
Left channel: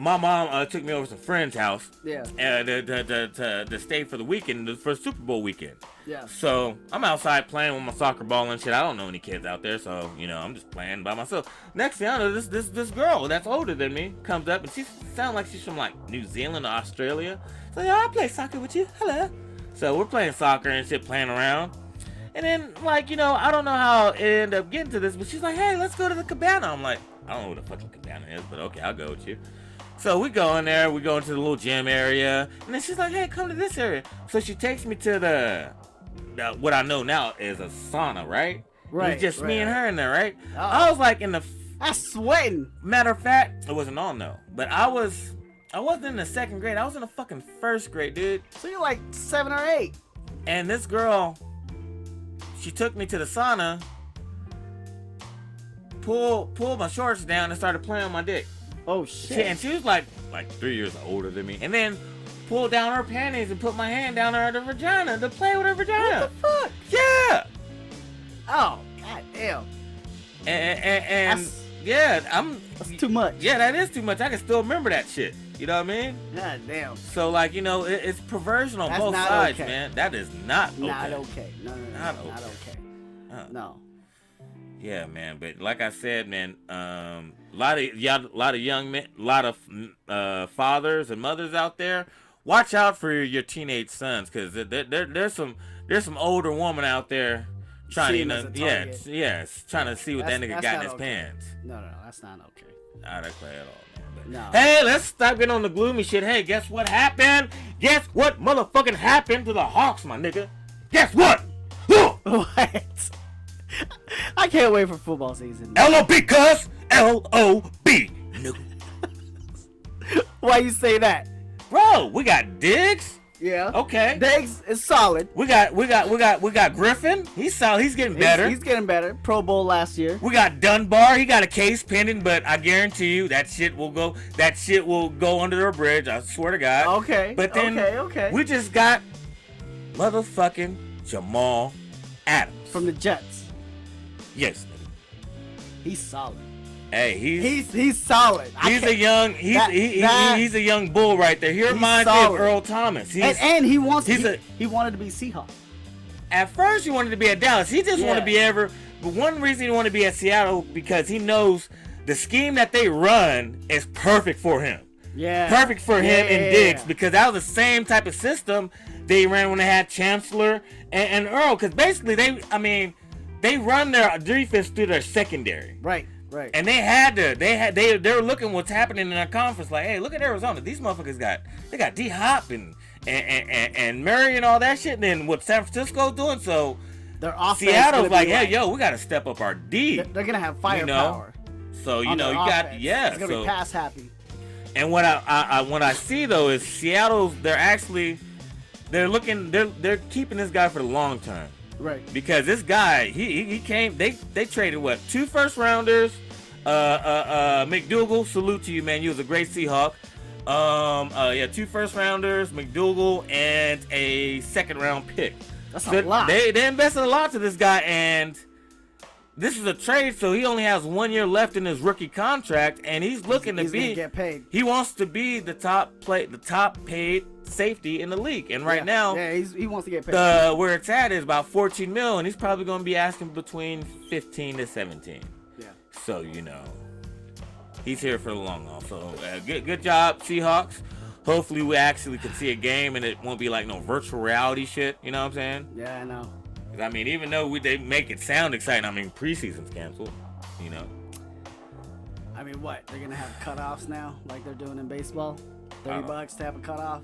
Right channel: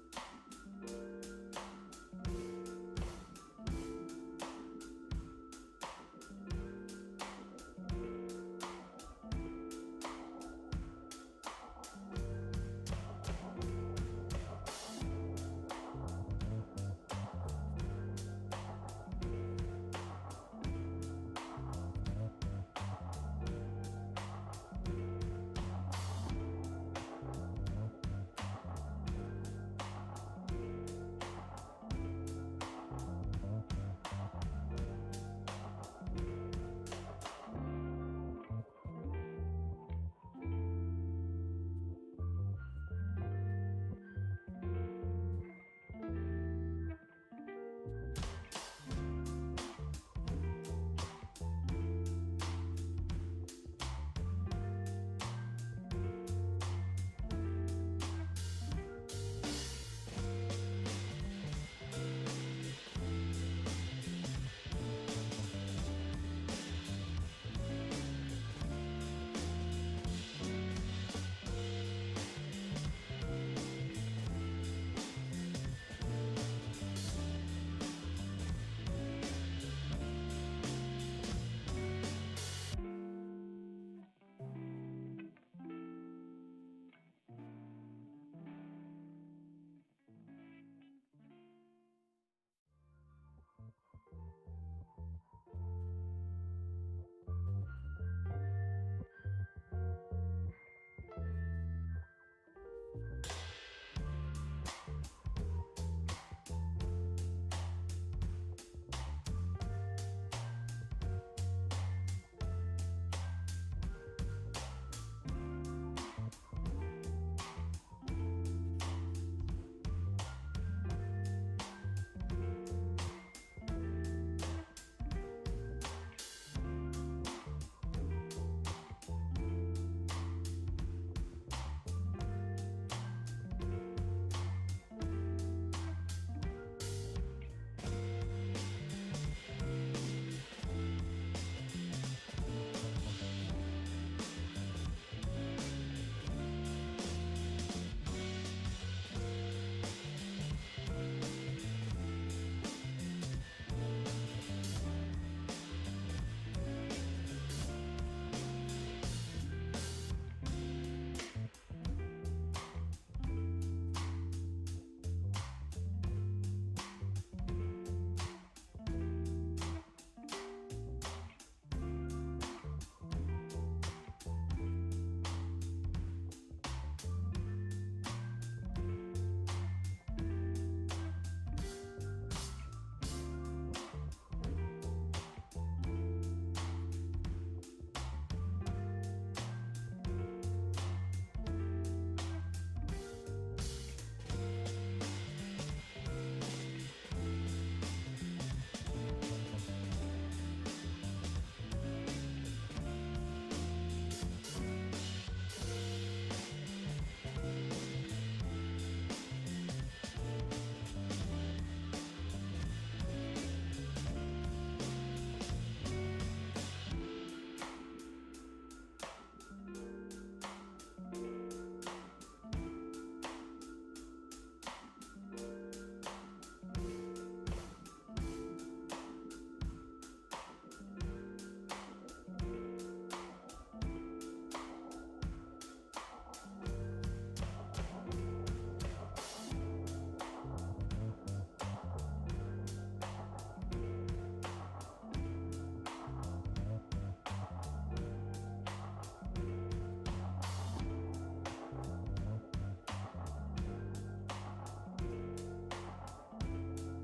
my mom took me over to some friend's house. Yeah. To stay for the weekend, for Super Bowl weekend. Yeah. So I'm outside playing with my soccer ball and shit. I don't know any kids out there, so I'm just playing by myself. Next thing I know, this girl that's older than me comes up and she sounds like she's from like New Zealand or Australia. So I play soccer with you. Hello. So we're playing soccer and shit, playing around. And then, like, I don't know how it ended up getting to this, but she's like, hey, let's go to the cabana. I'm like, I don't know what the fucking cabana is, but okay, I'll go with you. So we go in there, we go into the little gym area, and then she's like, hey, come to this area. So she takes me to the what I know now is a sauna, right? Right. It's just me and her in there, right? Oh. I was like I'm sweating. Matter of fact, it wasn't on though, but I wasn't in the second grade. I was in the fucking first grade, dude. So you're like 7 or 8. And this girl, she took me to the sauna, pulled my shorts down, and started playing on my dick. Oh shit! And she was like 3 years older than me, and then pulled down her panties and put my hand down her vagina to play with her vagina. What the fuck? Yeah. Oh god damn. And that's too much. Yeah, that is too much. I can still remember that shit. You know what I mean? God damn. So like it's perversion on both sides, okay. Man. That is not okay. Not okay. No. Not okay. No. Yeah, man. But like I said, man, a lot of young men, a lot of fathers and mothers out there. Watch out for your teenage sons, because there's some older woman out there trying to trying to see what that nigga got in his pants. No, that's not okay. Not okay at all. No. Hey, let's stop getting on the gloomy shit. Hey, guess what happened? Guess what motherfucking happened to the Hawks, my nigga? Guess what? What? I can't wait for football season. L-O-B, cuz. L-O-B. Why you say that? Bro, we got Diggs. Yeah. Okay. Diggs is solid. We got Griffin. He's solid. He's getting better. He's getting better. Pro Bowl last year. We got Dunbar. He got a case pending, but I guarantee you that shit will go under their bridge. I swear to God. Okay. But then we just got motherfucking Jamal Adams from the Jets. Yes. He's solid. Hey, he's solid. He's a young bull right there. He reminds me of Earl Thomas. And he wanted to be Seahawks. At first, he wanted to be at Dallas. He just wanted to be But one reason he wanted to be at Seattle, because he knows the scheme that they run is perfect for him. Yeah. Perfect for him and Diggs, because that was the same type of system they ran when they had Chancellor and Earl. Because basically, they run their defense through their secondary. Right. And they were looking what's happening in their conference, like, hey, look at Arizona. These motherfuckers got D-Hop and Murray and all that shit. And then what San Francisco's doing, so their offense Seattle's like, hey, yo, we got to step up our D. They're gonna have firepower. So you got It's gonna be pass happy. And what I see though is Seattle, they're keeping this guy for the long time. Right. Because this guy, he came, they traded 2 first rounders, McDougal, salute to you, man. You was a great Seahawk. 2 first rounders, McDougal, and a second round pick. That's a lot. They invested a lot to this guy, and this is a trade, so he only has 1 year left in his rookie contract, and he's looking to be. Get paid. He wants to be the top paid safety in the league, and right now, he wants to get paid. Where it's at is about 14 mil, and he's probably going to be asking between 15 to 17. Yeah. So he's here for the long haul. So good job, Seahawks. Hopefully, we actually can see a game, and it won't be like no virtual reality shit. You know what I'm saying? Yeah, I know. I mean, even though they make it sound exciting, I mean, preseason's canceled, you know. I mean, what? They're going to have cutoffs now, like they're doing in baseball? $30 to have a cutoff?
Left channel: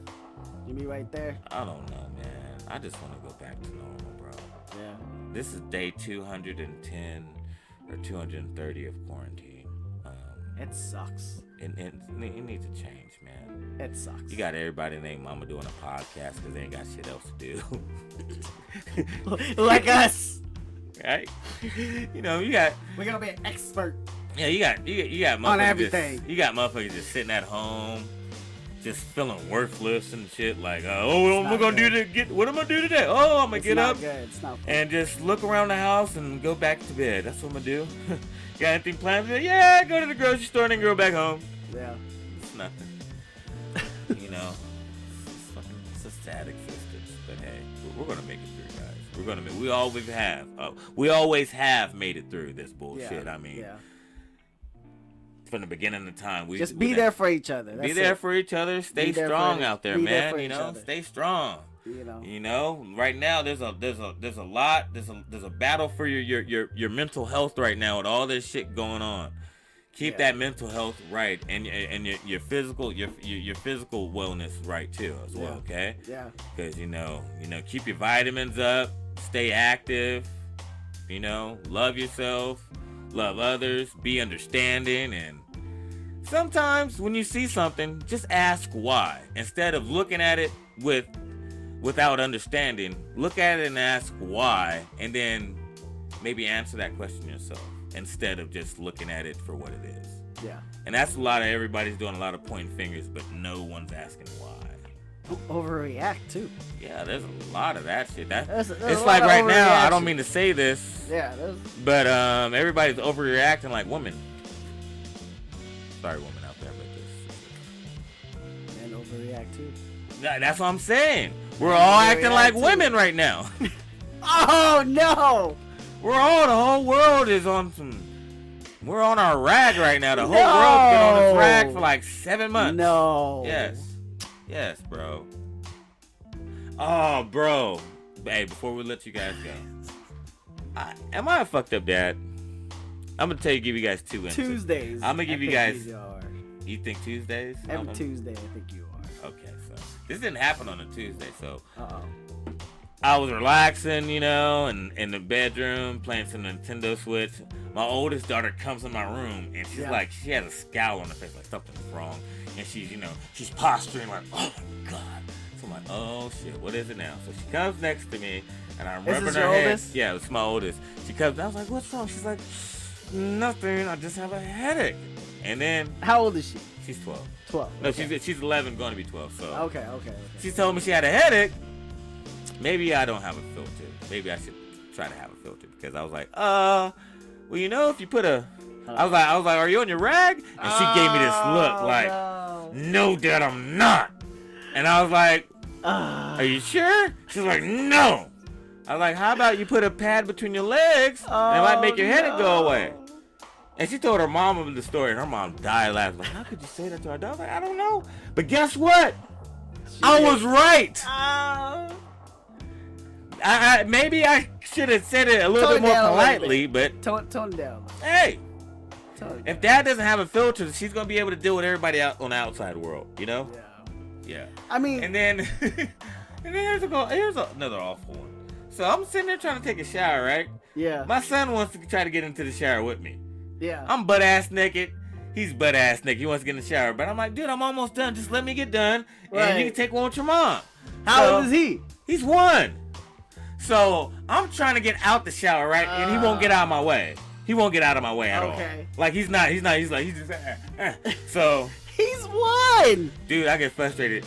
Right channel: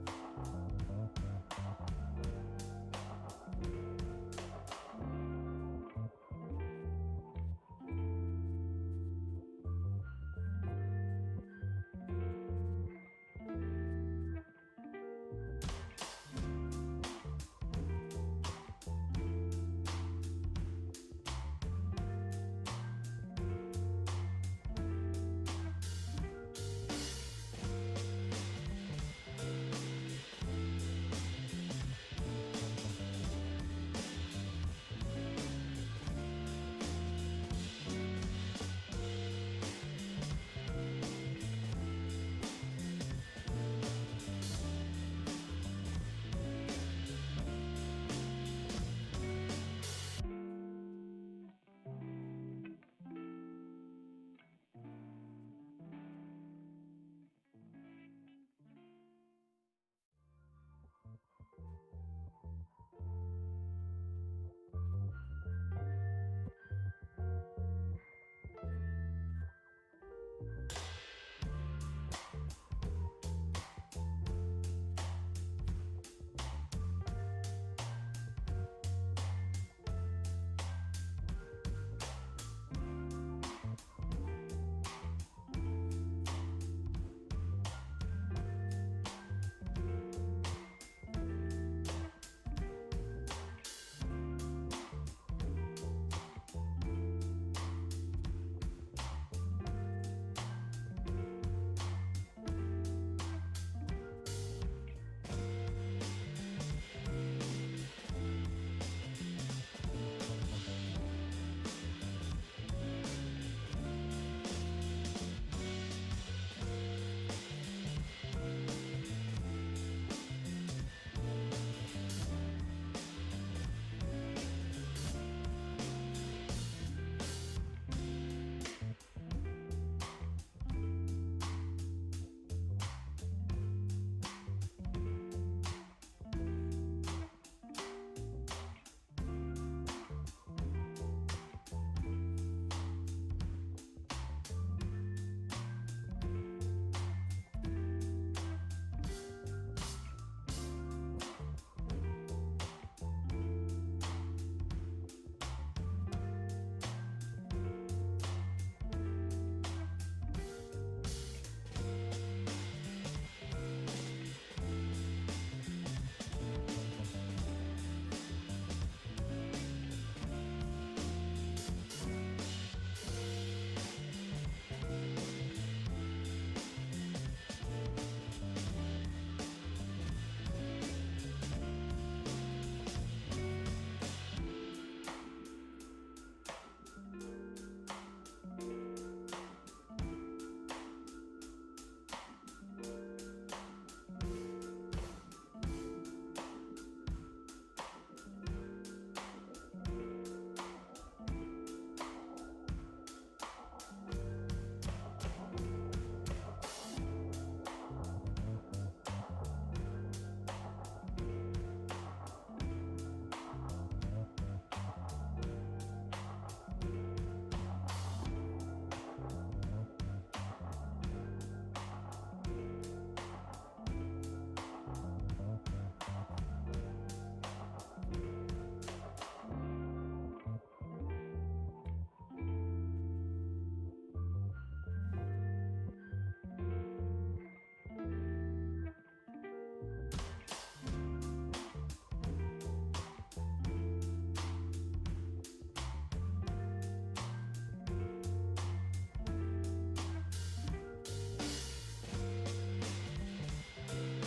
You be right there? I don't know, man. I just want to go back to normal, bro. Yeah. This is day 210 or 230 of quarantine. It sucks. It needs to change, man. It sucks. You got everybody named Mama doing a podcast because they ain't got shit else to do. Like us, right? You got. We're gonna be an expert. Yeah, you got motherfuckers on everything. You got motherfuckers just sitting at home, just feeling worthless and shit. Like, what am I gonna do today? Oh, I'm gonna get up and just look around the house and go back to bed. That's what I'm gonna do. Got anything planned? Yeah, go to the grocery store and then go back home. Yeah. It's nothing. You know, it's a sad existence. But hey, we're gonna make it. We always have made it through this bullshit. I mean, from the beginning of the time, we just be there for each other. Be there for each other. Stay strong out there, man. You know, stay strong. You know, right now there's a battle for your mental health right now with all this shit going on. Keep that mental health right, and your physical wellness right too as well. Okay. Yeah. Because keep your vitamins up. Stay active, love yourself, love others, be understanding, and sometimes when you see something, just ask why. Instead of looking at it without understanding, look at it and ask why, and then maybe answer that question yourself instead of just looking at it for what it is. Yeah. And that's everybody's doing a lot of pointing fingers, but no one's asking why. Overreact too. Yeah, there's a lot of that shit. There's it's like right now, I don't mean to say this. Yeah. But everybody's overreacting like women. Sorry, women out there. And overreact too. That's what I'm saying. We're all acting like women right now. Oh no! The whole world is on some. We're on our rag right now. The whole world's been on its rag for like 7 months. No. Yes, bro. Oh, bro. Hey, before we let you guys go, am I a fucked up dad? I'm gonna give you guys 2 answers. Tuesdays. I'm gonna give you guys. You think Tuesdays? Every Tuesday, I think you are. Okay, so this didn't happen on a Tuesday, so. Uh-oh. I was relaxing, and in the bedroom playing some Nintendo Switch. My oldest daughter comes in my room and she's like, she has a scowl on her face, like something's wrong, and she's posturing like, oh my god. So I'm like, oh shit, what is it now? So she comes next to me, and I'm rubbing her head. Oldest? Yeah, it's my oldest. She comes. I was like, what's wrong? She's like, nothing. I just have a headache. And then how old is she? She's 12. 12. No, she's 11, going to be 12. So okay. She told me she had a headache. Maybe I don't have a filter. Maybe I should try to have a filter, because I was like, well, if you put I was like, are you on your rag? And she gave me this look like, no, Dad, I'm not. And I was like, are you sure? She's like, no. I was like, how about you put a pad between your legs and it might make your headache go away? And she told her mom the story, and her mom died laughing. Like, how could you say that to our daughter? Like, I don't know. But guess what? I was right. Maybe I should have said it a little bit more politely, but tone it down. Hey, if Dad doesn't have a filter, she's gonna be able to deal with everybody out on the outside world, Yeah. I mean, and then here's another awful one. So I'm sitting there trying to take a shower, right? Yeah. My son wants to try to get into the shower with me. Yeah. I'm butt ass naked. He's butt ass naked. He wants to get in the shower, but I'm like, dude, I'm almost done. Just let me get done, and you can take one with your mom. How old is he? He's 1. So I'm trying to get out the shower, right? And he won't get out of my way. He won't get out of my way at all. Like he's just so he's 1. Dude, I get frustrated.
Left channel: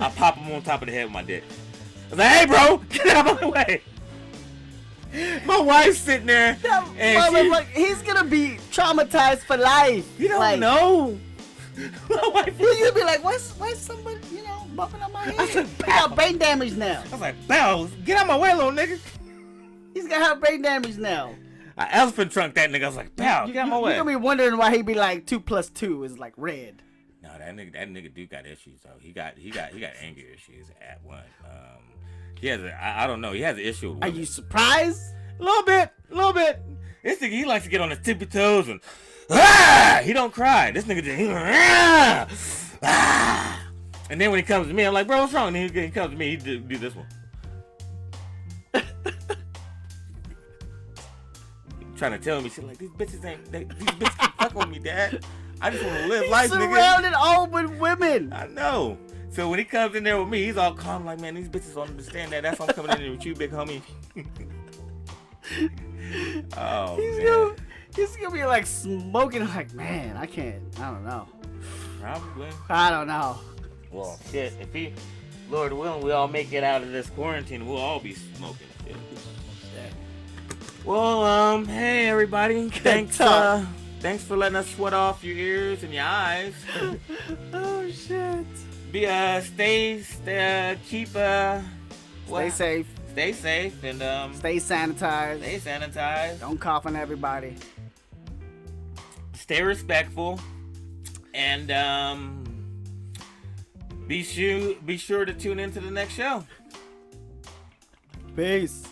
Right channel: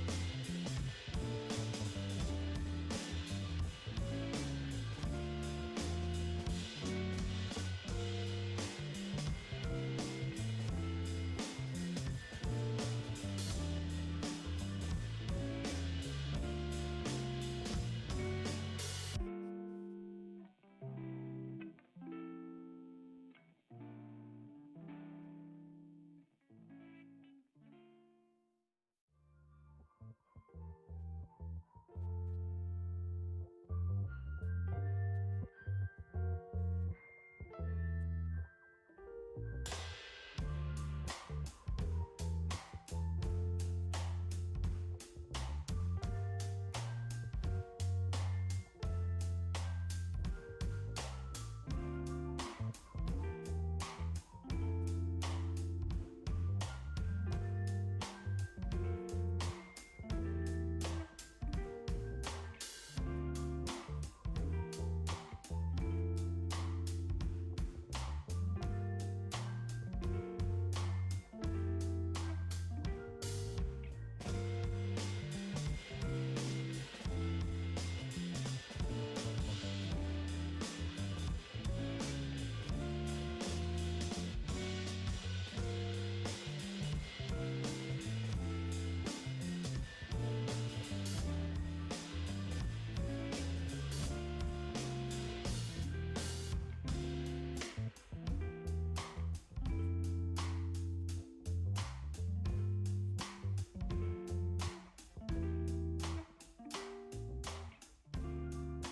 I pop him on top of the head with my dick. I was like, hey bro, get out of my way. My wife's sitting there, and like, he's gonna be traumatized for life. You don't like, know. My wife you'll be like, why somebody, bumping on my head? He got brain damage now. I was like, Bells, get out my way, little nigga. He's gonna have brain damage now. I elephant trunk that nigga. I was like, Bell, get out my way. You're gonna be wondering why he be like 2 + 2 is like red. No, that nigga do got issues though. He got anger issues at one. He has I don't know. He has an issue. Are you surprised? A little bit. This nigga, he likes to get on his tippy toes and he don't cry. This nigga just and then when he comes to me, I'm like, bro, what's wrong? And he comes to me, he do this one. Trying to tell me shit like these bitches can't fuck with me, Dad. I just want to live life, nigga. He's surrounded all with women. I know. So when he comes in there with me, he's all calm, like, man, these bitches don't understand that. That's why I'm coming in there with you, big homie. Oh, he's gonna be like smoking, like, man, I don't know. Probably. I don't know. Well, shit, if Lord willing, we all make it out of this quarantine, we'll all be smoking. Well, hey everybody, thanks for letting us sweat off your ears and your eyes. Oh shit. Stay safe. Stay safe and stay sanitized. Stay sanitized. Don't cough on everybody. Stay respectful, and be sure to tune into the next show. Peace.